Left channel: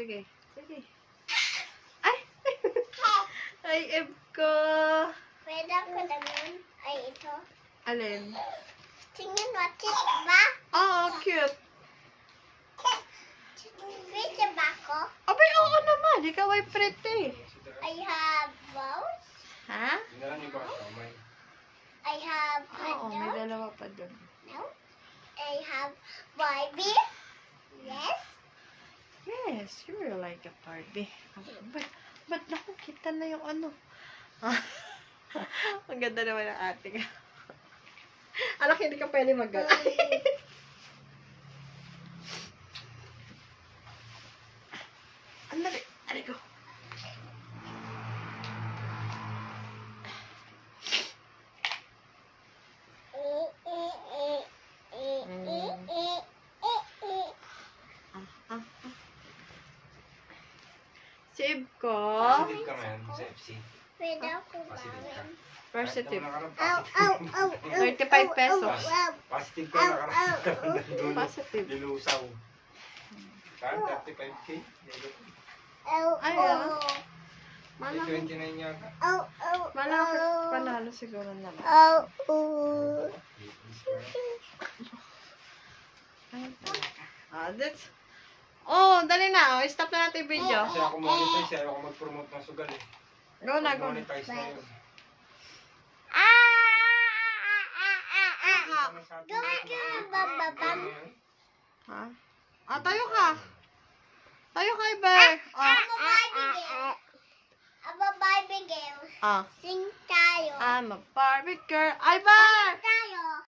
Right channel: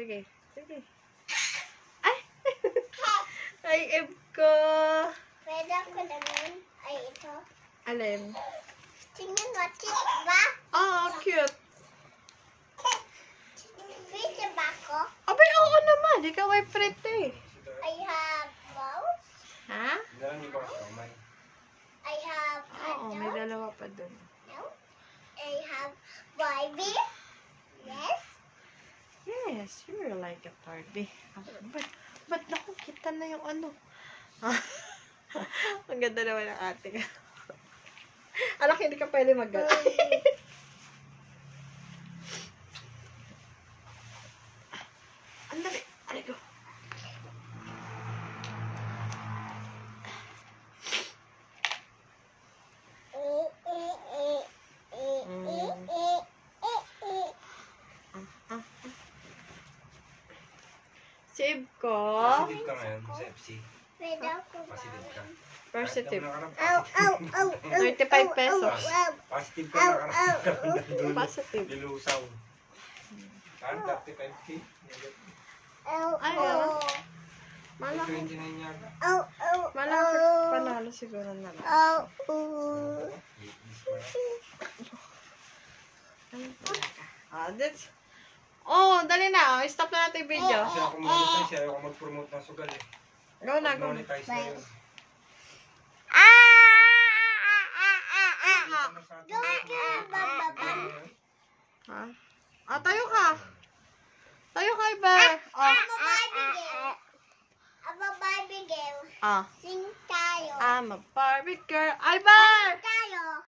Sige. Sige. Ay! Ay, Eb ko. Pwede ko lang yun. Ay, ito. Alin? Tingnan mo, cute ba? Oo, cute. Pwede ba ako? Abay, oo naman. Ikaw ay pretty. I have mouse. Ha? I have Oo, may dalawa pa dun. No. I have Barbie. Yes. Yes, you're like a Barbie. Ba't nakikita na yung ano? Ang ganda naman ng ating. Anak, hindi ka pwede mag-gala. Andali. Andali ko. Save ko. Positive ka ngayon sa FC. Pwede ako ba? Positive ka. Positive. Ow, ow, ow, ow. 35 pesos. Positive ka na Positive. Lilusaw. Saan? 35K? Ow, Ay, ow. Malaki. 29 yata. Ow, ow, Malaki ow. panalo siguro na lang. Ow, ow. Ano talaga? That's... Oh, dali na. Oh. Stop na natin yung video. Kasi ako monetize, ayaw ako mag-promote ng sugal eh. Go na, go na. Monetize na yun. Gawin ka ng bababam. Ha? Ah, tayo ka. Tayo ka, Iber. Oh. Aba Barbie girl. Aba Barbie girl. Ah. Sing tayo. I'm a Barbie girl. Iber! Tayo.